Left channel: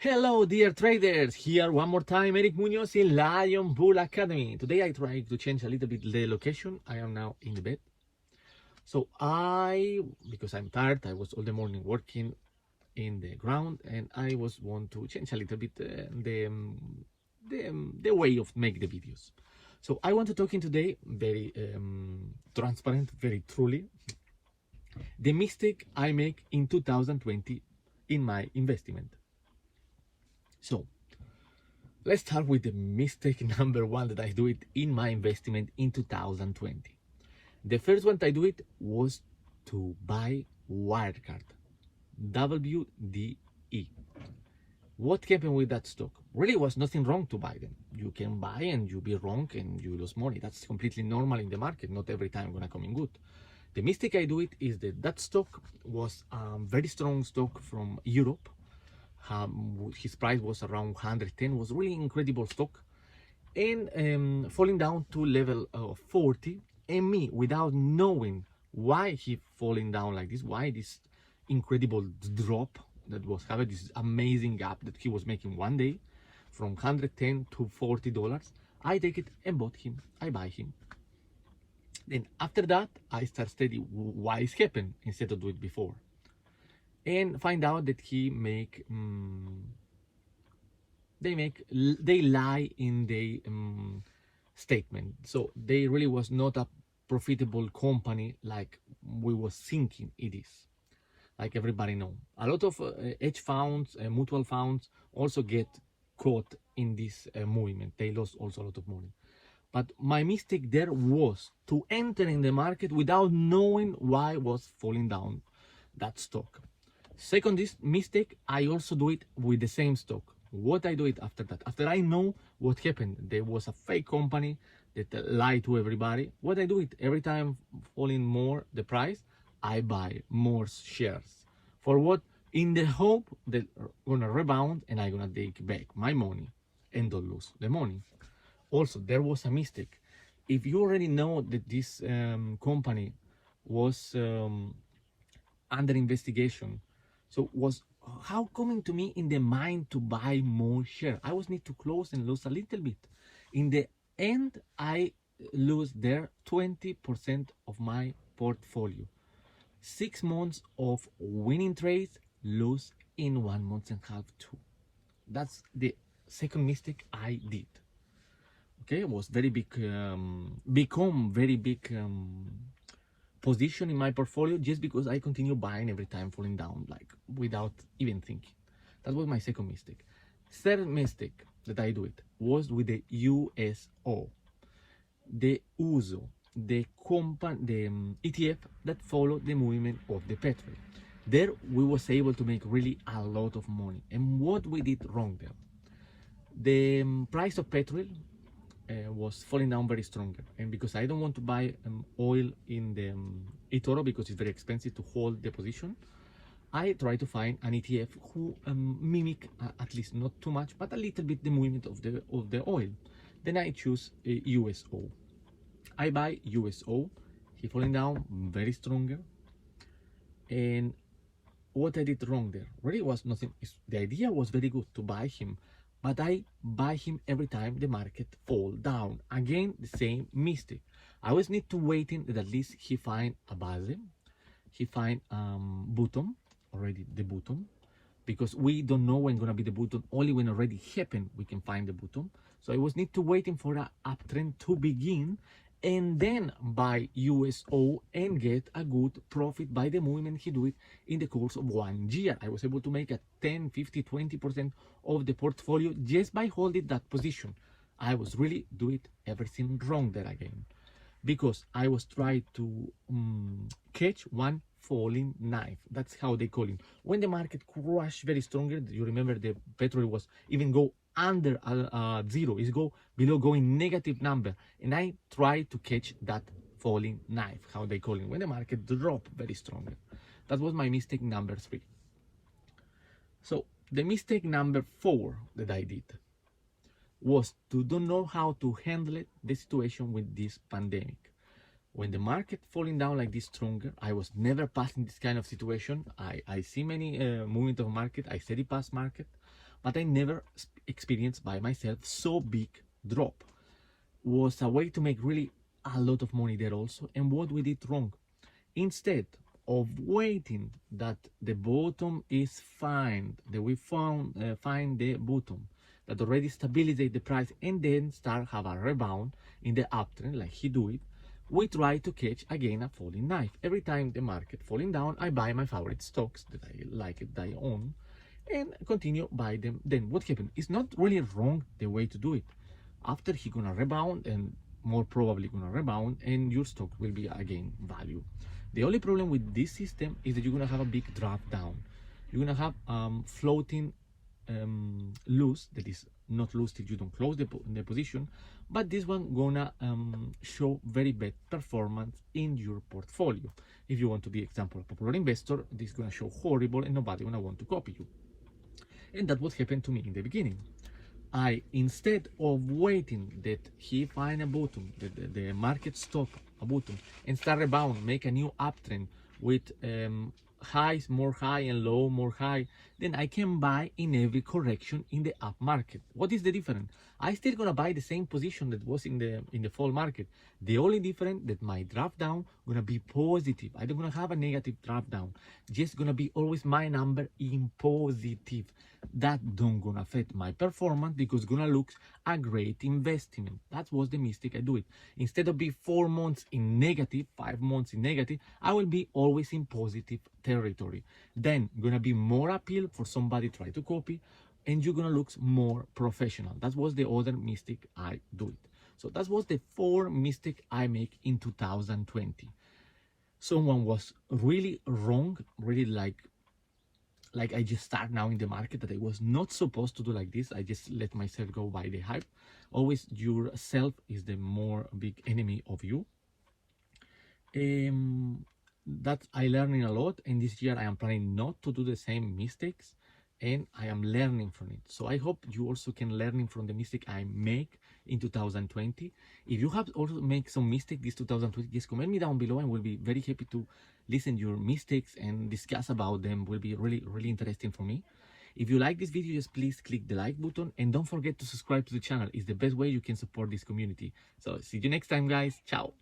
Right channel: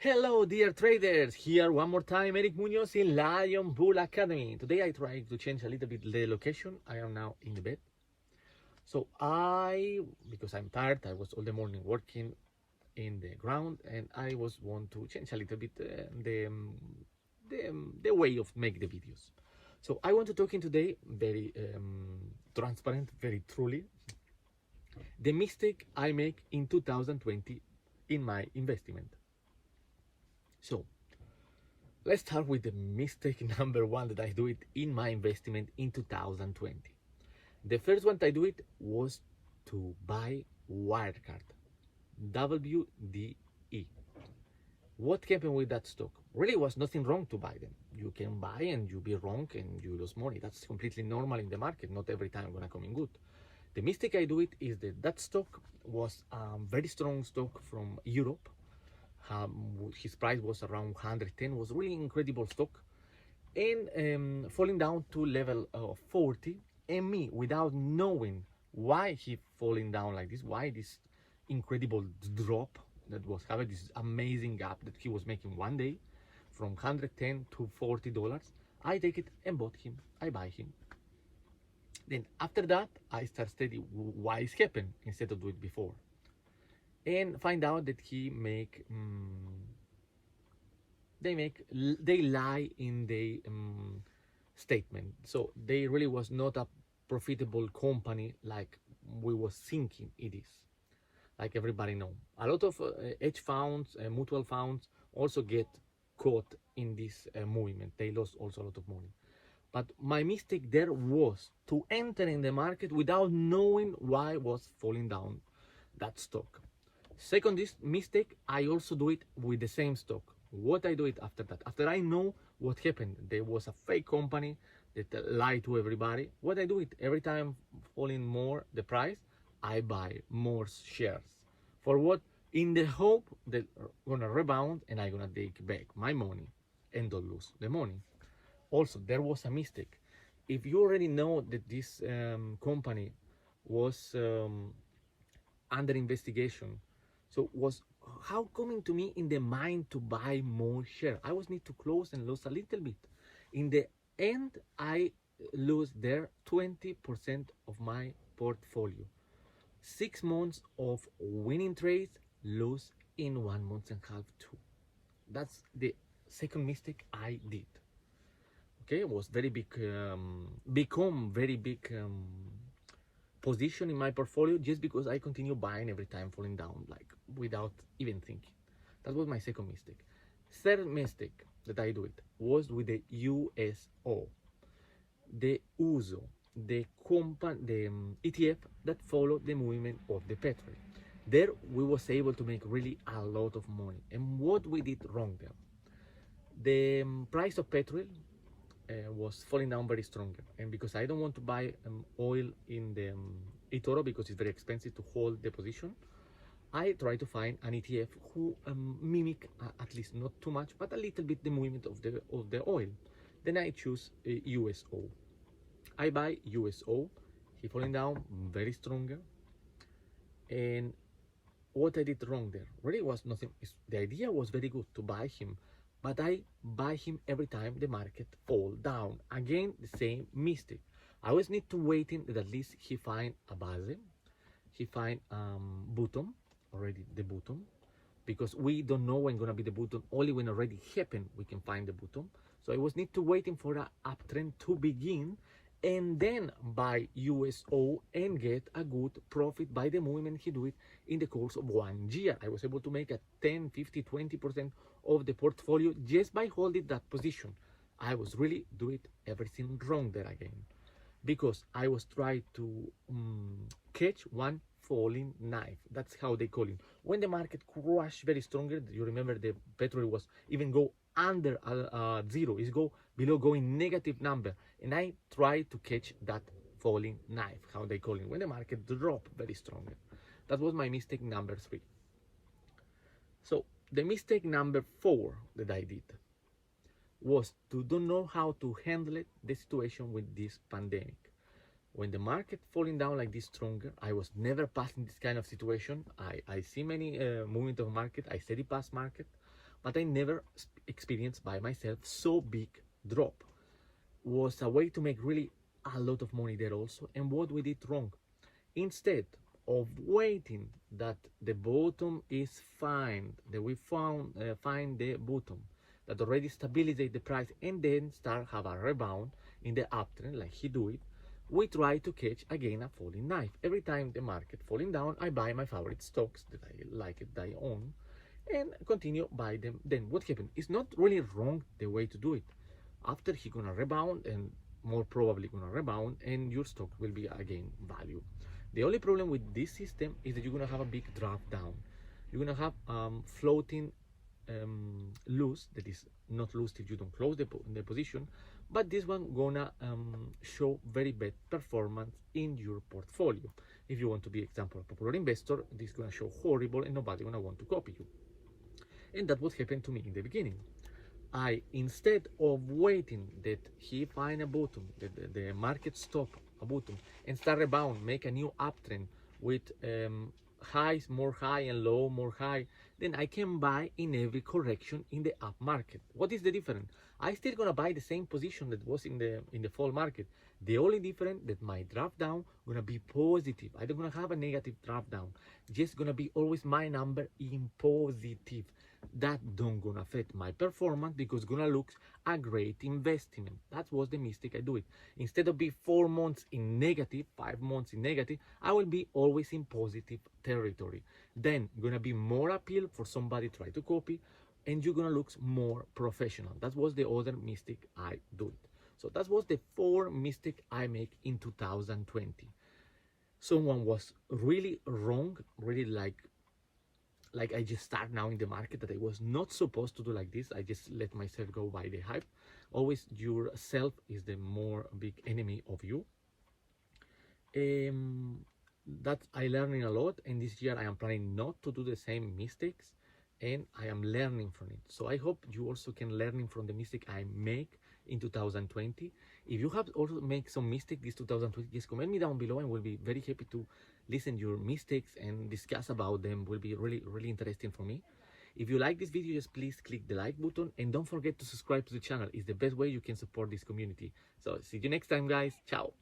Hello dear traders, here one more time Eric Munoz in Lion Bull Academy. Today I try to change a little bit the location. I am now in the bed. So because I'm tired, I was all the morning working in the ground and I want to change a little bit the way of make the videos. So I want to talk in today very transparent, very truly, the mistake I make in 2020 in my investment. So let's start with the mistake number one that I do it in my investment in 2020. The first one I do it was to buy Wirecard, WDE. What happened with that stock? Really was nothing wrong to buy them. You can buy and you be wrong and you lose money. That's completely normal in the market. Not every time gonna come in good. The mistake I do it is that stock was a very strong stock from Europe. His price was around 110, was really incredible stock, and falling down to level 40, and me, without knowing why he falling down like this, why this incredible drop that was having, this amazing gap that he was making one day from 110 to $40, I take it and bought him. I buy him. Then after that I start studying why it's happened instead of do it before, and find out that they lie in the statement. So they really was not a profitable company like we was thinking it is. Like everybody know, a lot of hedge funds, mutual funds also get caught in this movement. They lost also a lot of money. But my mistake there was to enter in the market without knowing why was falling down that stock. Second mistake, I also do it with the same stock. What I do it after that? After I know what happened, there was a fake company that lied to everybody. What I do it, every time falling more the price, I buy more shares. For what? In the hope that gonna rebound and I'm gonna take back my money and don't lose the money. Also, there was a mistake. If you already know that this company was under investigation, so was how coming to me in the mind to buy more share? I was need to close and lose a little bit. In the end, I lose there 20% of my portfolio. 6 months of winning trades, lose in 1 month and a half too. That's the second mistake I did. Okay, it was very big, become very big position in my portfolio just because I continue buying every time falling down, like without even thinking. That was my second mistake. Third mistake that I do it was with the USO, the USO, the ETF that follow the movement of the petrol. There we was able to make really a lot of money. And what we did wrong there? The price of petrol was falling down very stronger, and because I don't want to buy oil in the Etoro because it's very expensive to hold the position, I try to find an ETF who mimic at least not too much but a little bit the movement of the oil. Then I choose USO. I buy USO. He falling down very stronger. And what I did wrong there really was nothing. The idea was very good to buy him, but I buy him every time the market fall down. Again, the same mistake. I always need to wait in that at least he find a base, he find bottom, already the bottom, because we don't know when gonna be the bottom. Only when already happened we can find the bottom. So I was need to waiting for an uptrend to begin, and then buy USO and get a good profit by the movement he do it in the course of 1 year. I was able to make a 10, 50, 20% of the portfolio just by holding that position. I was really do it everything wrong there again, because I was trying to catch one falling knife. That's how they call it. When the market crashed very stronger, you remember the petrol was even go under zero, is go below, going negative number, and I try to catch that falling knife, how they call it, when the market drop very stronger. That was my mistake number 3. So the mistake number 4 that I did was to don't know how to handle it, the situation with this pandemic. When the market falling down like this stronger, I was never passing this kind of situation. I see many movement of market, I steady pass market, but I never experienced by myself so big drop. Was a way to make really a lot of money there also. And what we did wrong, instead of waiting that the bottom is found, that we find the bottom that already stabilizate the price and then start have a rebound in the uptrend like he do it, we try to catch again a falling knife. Every time the market falling down, I buy my favorite stocks that I like it, that I own, and continue buy them. Then what happened? It's not really wrong the way to do it. After he gonna rebound, and more probably gonna rebound, and your stock will be again value. The only problem with this system is that you're gonna have a big drop down. You're gonna have floating loose, that is not loose till you don't close the position, but this one gonna show very bad performance in your portfolio. If you want to be example a popular investor, this is gonna show horrible and nobody gonna want to copy you. And that's what happened to me in the beginning. I, instead of waiting that he find a bottom, the market stop a bottom and start rebound, make a new uptrend with highs more high and low more high, then I can buy in every correction in the up market. What is the difference? I still gonna buy the same position that was in the fall market. The only difference that my drop down gonna be positive. I don't gonna have a negative drop down. Just gonna be always my number in positive. That don't gonna affect my performance because gonna look a great investment. That was the mistake I do it. Instead of be 4 months in negative, 5 months in negative, I will be always in positive territory. Then gonna be more appeal for somebody try to copy, and you're gonna look more professional. That was the other mistake I do it. So that was the 4 mistake I make in 2020. Someone was really wrong, really like I just start now in the market, that I was not supposed to do like this. I just let myself go by the hype. Always yourself is the more big enemy of you. That I learning a lot, and this year I am planning not to do the same mistakes, and I am learning from it. So I hope you also can learn from the mistake I make in 2020. If you have also make some mistake this 2020, just comment me down below, and we'll be very happy to listen your mistakes and discuss about them. Will be really interesting for me. If you like this video, just please click the like button, and don't forget to subscribe to the channel. It's the best way you can support this community. So see you next time, guys. Ciao.